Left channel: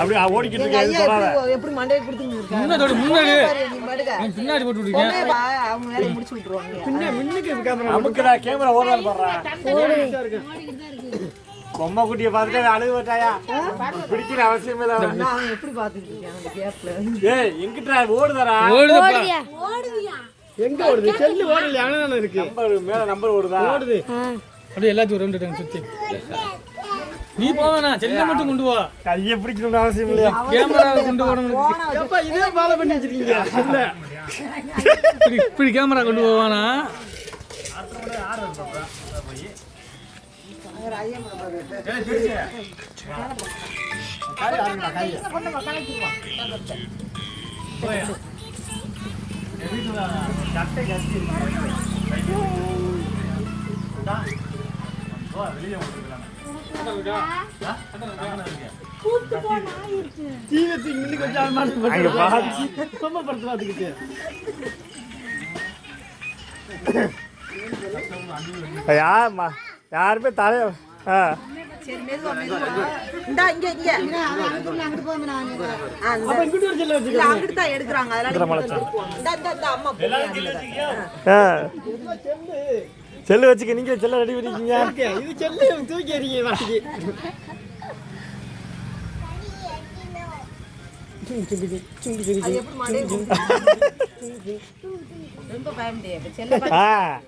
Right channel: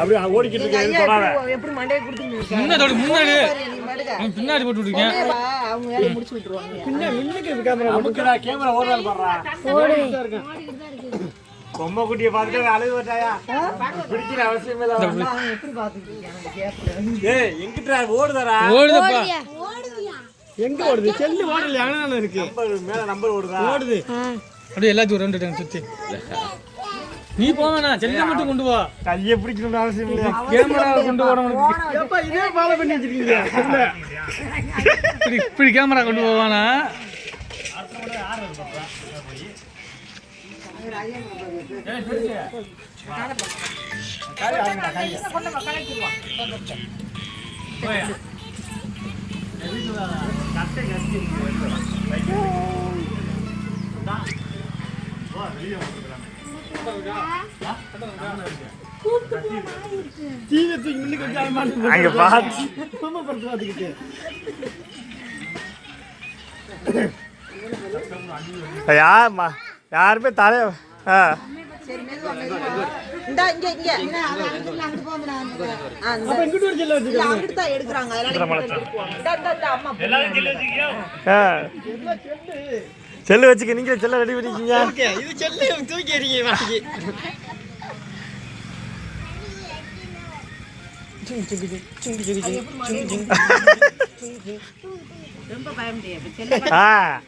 அப்படியே ஓடிக்கிட்டு இருக்கேன். எப்படி மண்டையை கொடுத்து முன்னாடி நீ மடுக பின்னாடி போட்டு விட்டுருக்கேன். அவங்க வேலையை முடிச்சு விட்டுருவாங்க. நமக்குடா கேமரா ஓடுறான்னு பாடுறா. பொம்மை குட்டியை பார்த்துட்டு அழுகு வச்சாயா? பிடிக்கிற அவசியம் இல்லை. அவன் எப்படி பார்த்துட்டு இருக்கான் அந்த கேப்ல? ஏய் எங்கிட்டா ஓடுதாரா? ஓடுதப்பா. எங்க ஓடுது? செல்லு ஓடல அங்கதானே இருக்கு. நம்பர் மேல நம்பர் ஓடுதா? ஓடுது. அப்படியே எல்லாத்தையும் ரெண்டு டைம் சுத்தி. நீ போவனா செல்ல மட்டும் கொண்டு வா. கையை பிடிக்கணும்னு அவசியம் இல்ல. கேமரா கொண்டு வரணும். அப்பா இதே ஃபாலோ பண்ணி வச்சிருக்கீங்க. இப்படி கேமரா கொண்டு போவானா? யாருமே தலை செல்லு வச்சுக்க. நீங்க செல்ல ரெடி பண்ணிக்கீங்க. இது செல்லு தூக்கி எறிங்க.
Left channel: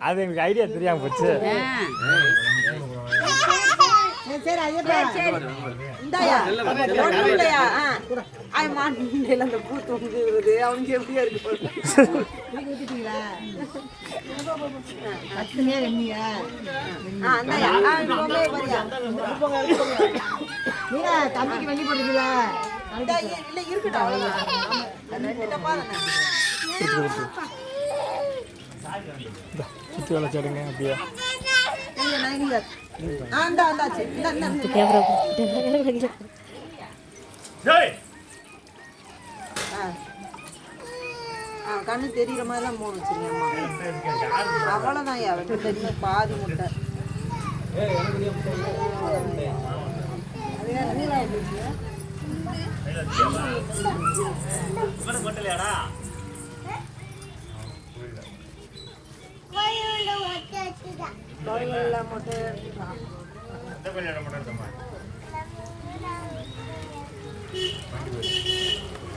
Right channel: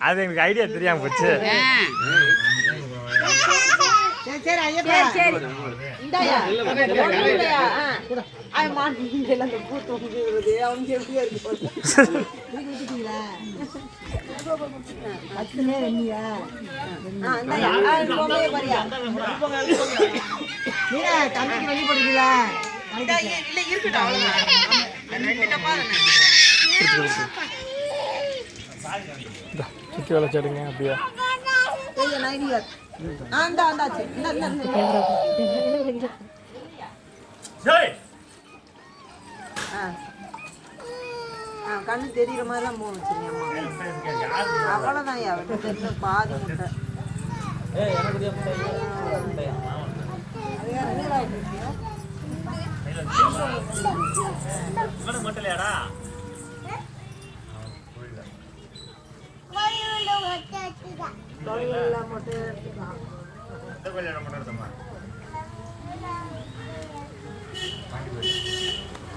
அது எனக்கு ஐடியா தெரியாம போச்சு. வளர்ச்சாடுங்க அப்படியா? கண்ணு தெரியுற மாதிரிலாம் போன வச்சிருக்கேம்மா. அவ்வளோதான் பாதி முட்டை.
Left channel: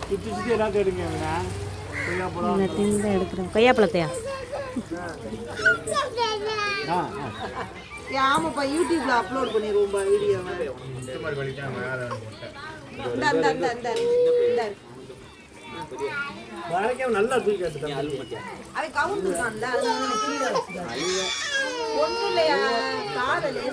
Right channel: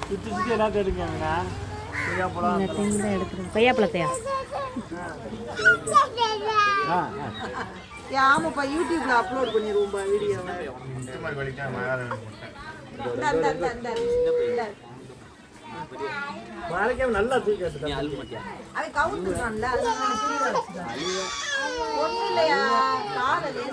சுற்றி சுற்றி எல்லாத்தையும் எடுங்க. கொய்யாப்பழத்தையா? ஆமாப்பா, யூடியூப்ல அப்லோட் பண்ணிடுவோம்பா வீடியோ. நல்லா தூக்கி அவன் கவுந்துட்டான்ல, ஒன்றும் இல்லையா காதலே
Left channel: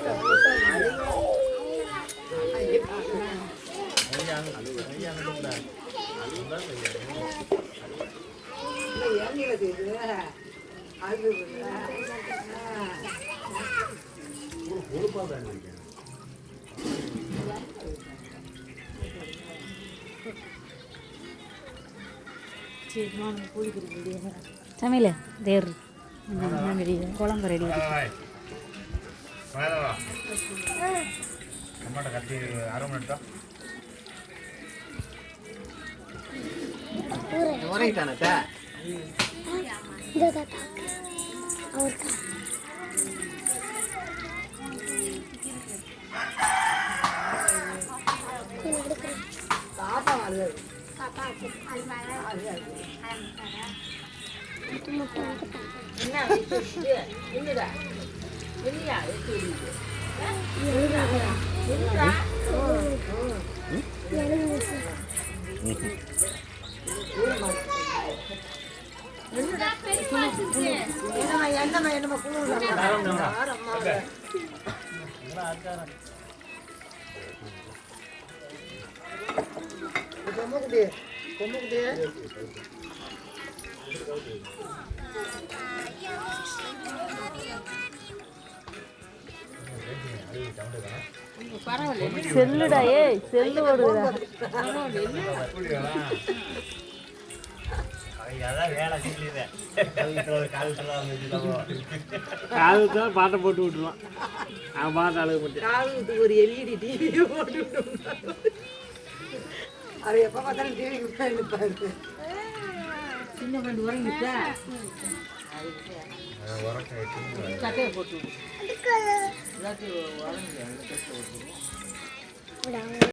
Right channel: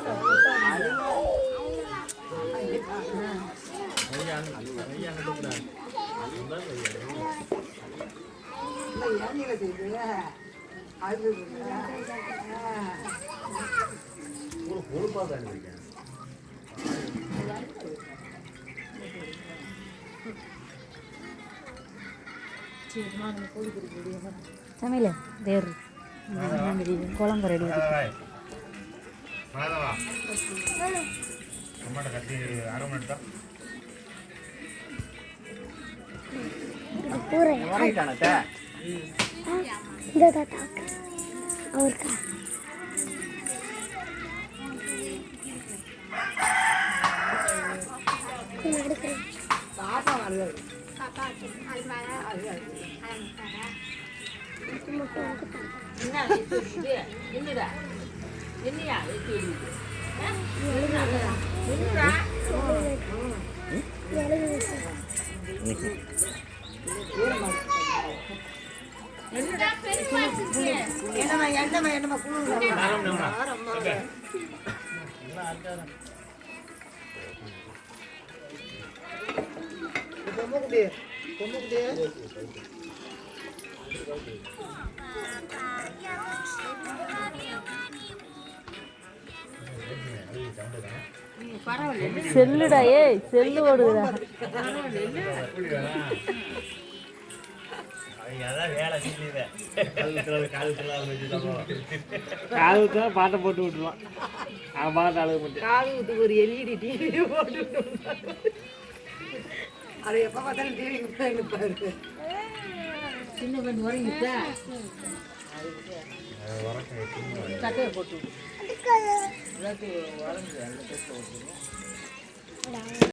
சமையல தேர் குழம்பு ரெடி. செல்லுடா, ஏய் செல்லு ஓடுதுடா. பாட்டை போட்டு விட்டுருவான். அவன் பாட்டு அழகு போட்டு ஒரு எல்இடி டிவி போட்டு அது எப்ப பார்த்தாலும் டிவி பாரு. சின்ன பண்ணி உறங்கிட்டா சட்டையை போட்டு